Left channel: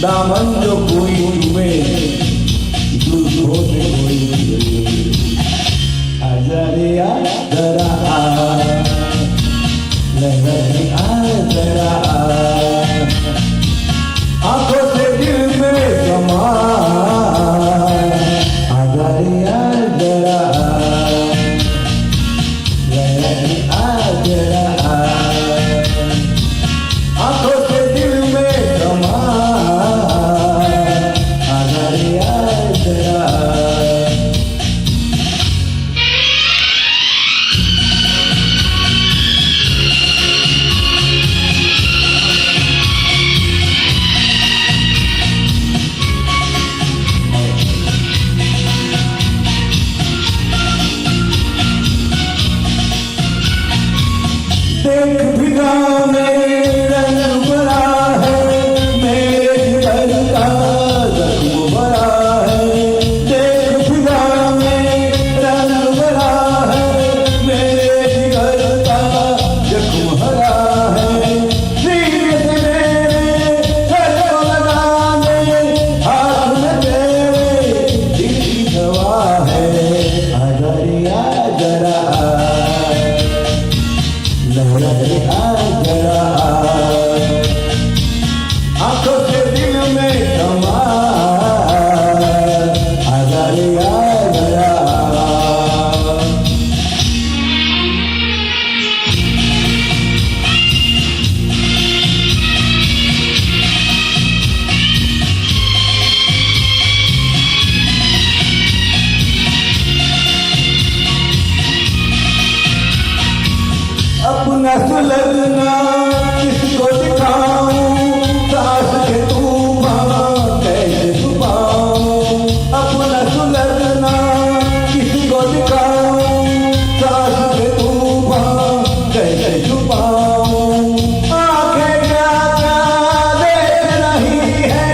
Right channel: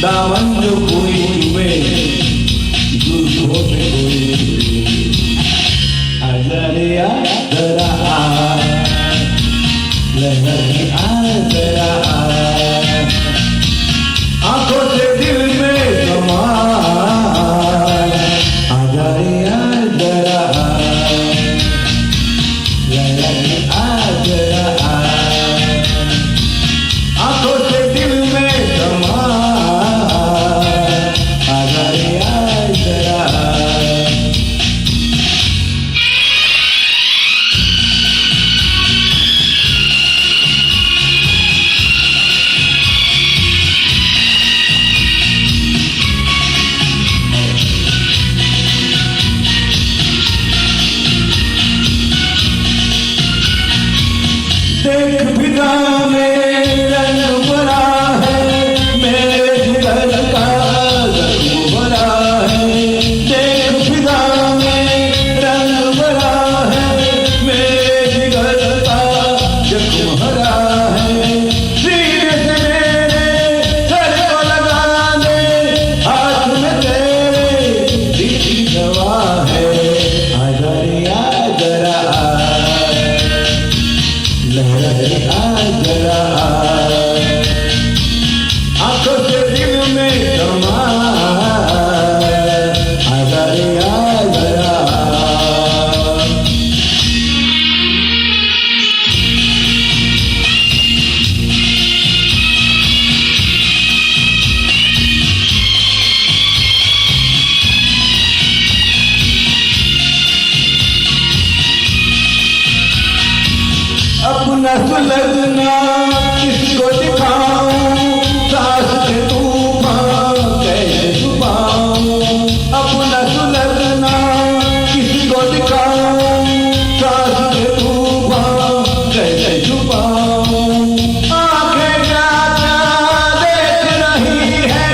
दामन जो कोई तुम्हें दूसरों से कोई आजरिया जरा लहर जरा आंखों से दिल में समा आजरिया जरा लहर जरा आंखों से दिल में समा आजरिया जरा देख फिजा में रंग भरा है मेरे दिल का जख्म भरा है देख फिजा में रंग भरा है मेरे दिल का जख्म भरा है सीने से मेरे सर को लगा दे हाथ में तेरे दिल की दवा है आजरिया जरा लहर जरा आंखों से दिल में समा आजरिया जरा अपना सुलगना किसको दिखाऊं सास के तूफान कैसे छुपाऊं अपना सुलगना किसको दिखाऊं सास के तूफान कैसे छुपाऊं आंखें क्या देख रही है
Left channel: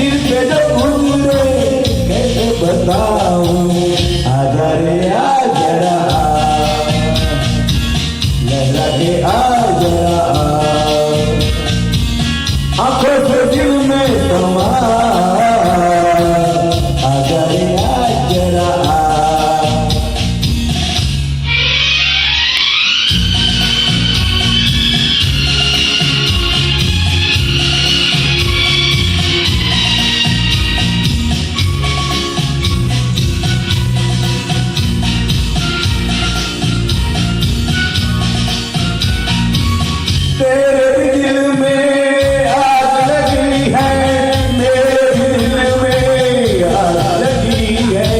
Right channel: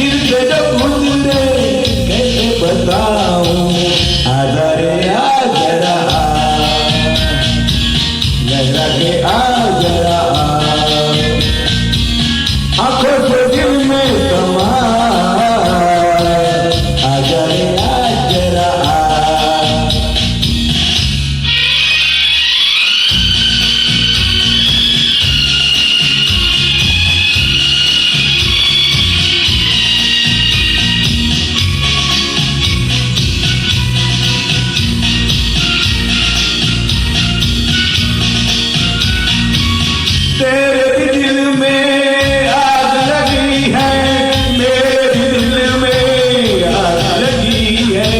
दिल के जो गुजरे कैसे बताऊं आजरिया जरा लहरा के जरा आंखों से दिल में समा आजरिया जरा तेरे भी दिल में आग लगी है मेरे भी दिल में आग लगी है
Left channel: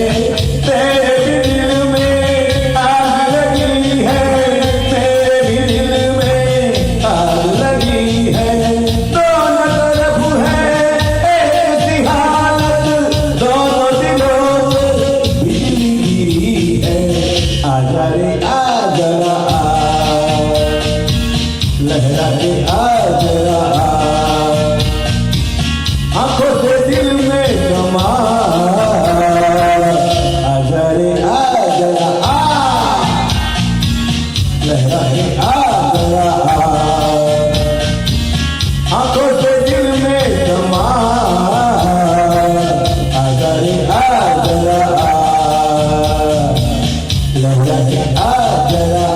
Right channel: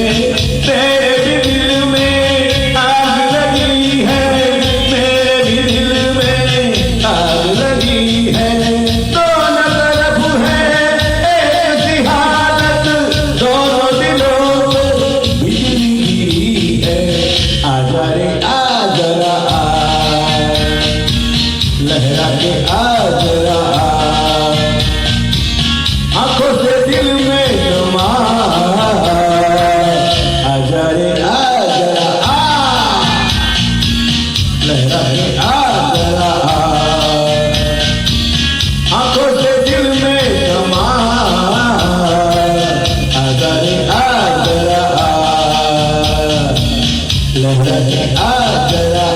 तेरे भी दिल में आग लगी है मेरे भी दिल में आग लगी है दोनों तरफ है एक सी हालत दोनों दिलों में बिजली गिरी है आजरे जरा लहरा के जरा आंखों से दिल में समा आजरे जरा लहरा के जरा आंखों से दिल में समा आजरे जरा लहरा के जरा